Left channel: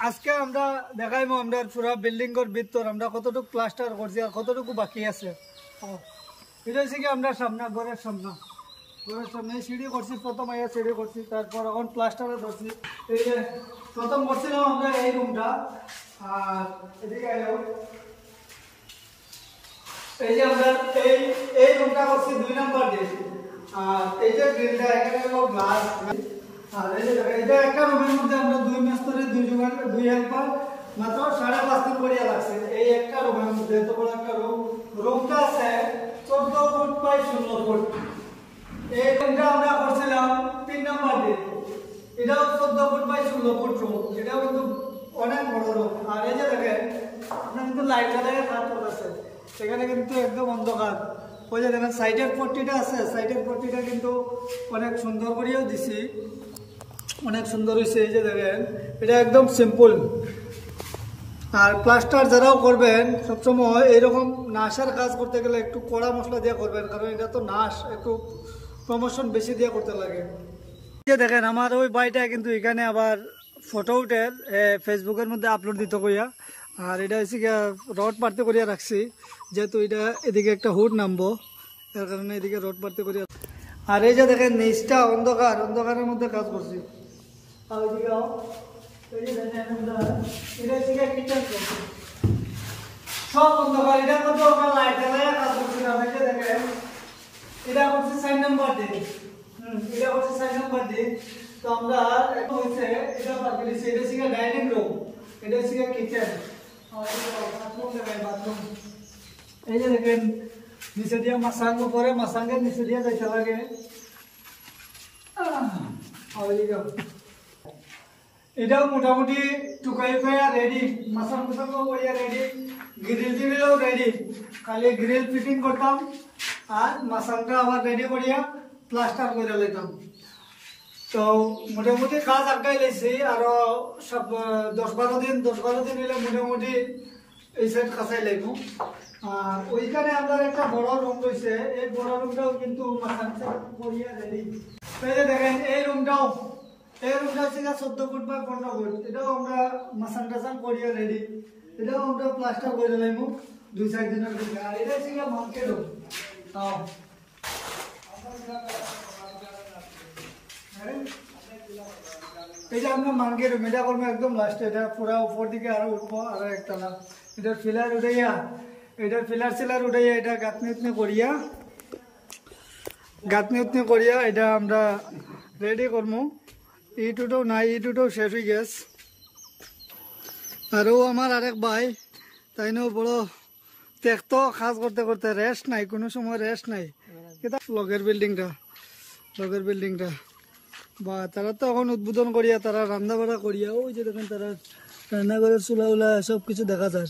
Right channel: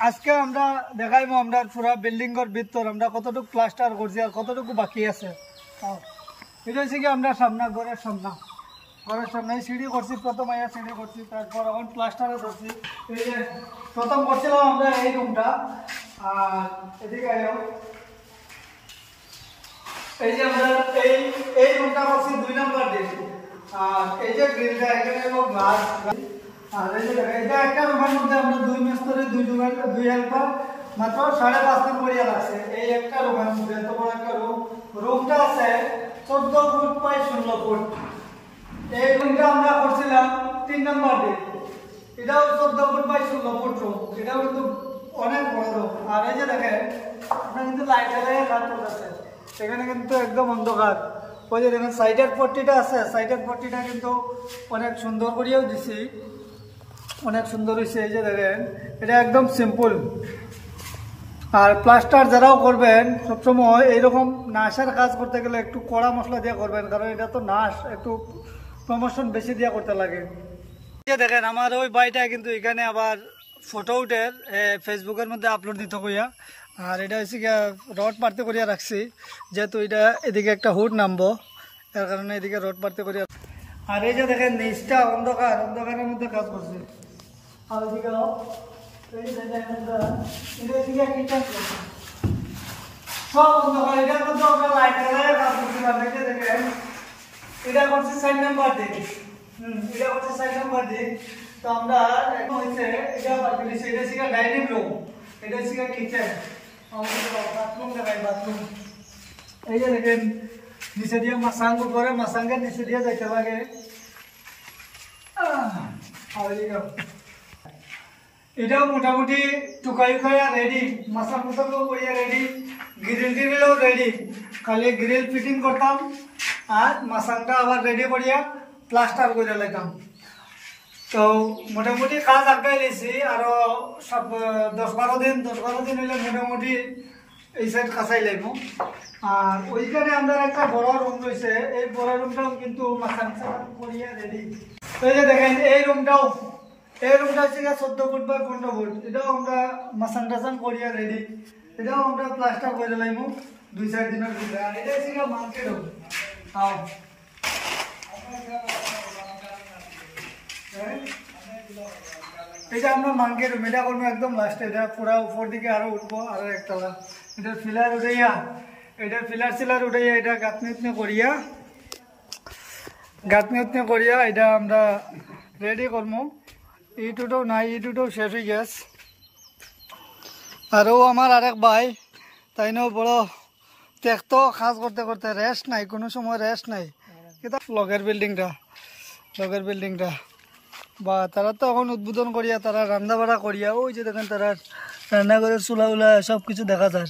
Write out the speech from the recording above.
আজকে আমরা দেখাইবো আমরা পুরো বিল্ডিং এর ভিতর আমরা কতটুকু প্লাস্টার করছি আর কতটুকু বাকি আছে। এটা হচ্ছে কি আমরা ঘরের সামনে সিঁড়ি করছি, প্রথম আইয়া সিঁড়ি করছি, তারপর এখন প্লাস্টারে ধরছি। এই যে প্রথম করছিলাম আমরা এই রুমটা, আর এদিকে আয়ো এই যে আমরা এই রুমটা করছি 2 নাম্বার দিন। আর এই যে গ্রিলটা এখানে গ্লাস, আর এই যে এটা একটা রুমের মধ্যে আমরা 2 মিস্ত্রি 2 হেল্পার মাত্র 5.5 দিন করিয়া লাগছে এই একটা রুমের মধ্যে। তখন একটা রুমটা আছে 14 ফুট বাই 16 ফুট। এই রুমটা আমরা করছিলাম 3 নাম্বার দিন, এটাও 14 ফুট বাই 16 ফুট রুম, এটাও কিন্তু অনেক বড় রুম। আর এই যে দেখেন আপনার কিন্তু লাইট জ্বালাইয়া কাজ চলতেছে, এখানে কিন্তু একদম অন্ধকার। ওই যে দেখেন সাইডের পট্টিটা আছে, সাইডের পট্টিটা কিন্তু অনেক সুন্দর করিয়াও দিছি, অনেক সুন্দর হয়েছে। এই যে দেখেন এটা একদম সিম্পল। আর প্লাস্টার যারাও করবেন সবসময় এইরকম নাশের কাজ করতে গেলে একটু কড়া মশলা দিয়ে করবেন, কারণ এটা তো নাশ, একটু প্রমোশন বেশি দিয়ে করতে লাগে। এই যে দেখেন আমার ওই বাড়িটা কিন্তু এখানে আবার ফটো উঠে ফেসবুকের মধ্যে আপলোড দিতে কইয়া। আর এটা হচ্ছে গিয়া রড পারতে করিয়া রাখছি, যেহেতু এটা এদিকে একটা হুড নামবো, এর কারণে এদিকে রড পারতে করিয়া। আর এই যে দেখেন নিচটা অন্ধকারের মধ্যে কাজ করছি। আর ওইদিকে সব অন্ধকার, এটা কিন্তু আমরা লাইট জ্বালাইয়া কাজ করছিলাম। এই যে দেখেন এটা করছি 4 নাম্বার দিন, এটা করছি 4 নাম্বার দিন। তো আমরা হয়েছে এটা বাকি, এটা ছিল ডাইনিং রুম, এটা ছিল কিচেন, বাথরুম দেখাই বাথরুম। এই যে দেখেন নিচে দিয়ে মাসাঙ্গ করে, মাসাঙ্গের নিচে দিয়ে যাইতে লাগে। এটাও মোটামুটি টুকাই রেডি, মাসাং মুসাঙ্গ করিয়া রেডি, গ্রিল টিরিলও রেডি, খালি গ্রিল ফিটিং করতাম আর মাসাংটা আবার রেডি করিয়া প্লাস্টার করে লাইতাম। তো মোটামুটি কাজ আগাই লেছি, আরো সব 10-12 দিন হলে মোটামুটি এই সাইড কাঁচাই লাগব। আর ওইখানে আমাদের একটা বড় রুম রয়েছে, এই বড় রুমটাও কিন্তু মাসাং করিয়া রেডি। এই যে দেখেন এই রুমটা হচ্ছে 14 ফুট বা 15 ফুট, এটাও আমরা মাসান টাসান করিয়া রেডি, এটাও আমরা প্লাস্টার করে লাইমু 2-4 দিনের ভিতরে। আর এটা হচ্ছে মার্কেট রুম। এটা আমরা মার্কেট রুম, এটা করবো একদম লাস্টে, এটা পুরা উপর দিকে আরো উঠবো, আরো একতলা। এটার ফিলার উঠাইয়া এটা গাঁথনি করিয়া এটা আমরা রেডি করবো। ইটুটাও নাই, ইটুটাও শেষ হয়ে গেছে। আরও আমার আরেক ভাই তাইনও বড় দেখতো কাজ করতে করতে রেস্ট নাই, কোনো সময় রেস্ট নাই। এটা লগের বিল্ডিংটা বা তারা তো এখন উদ্বোধন করিয়া, তারা রান্না বাড়া করিয়া, ওই যে দেখেন তারা রান্নাঘরের চুলা উলা সব কিছু দেখা যায়।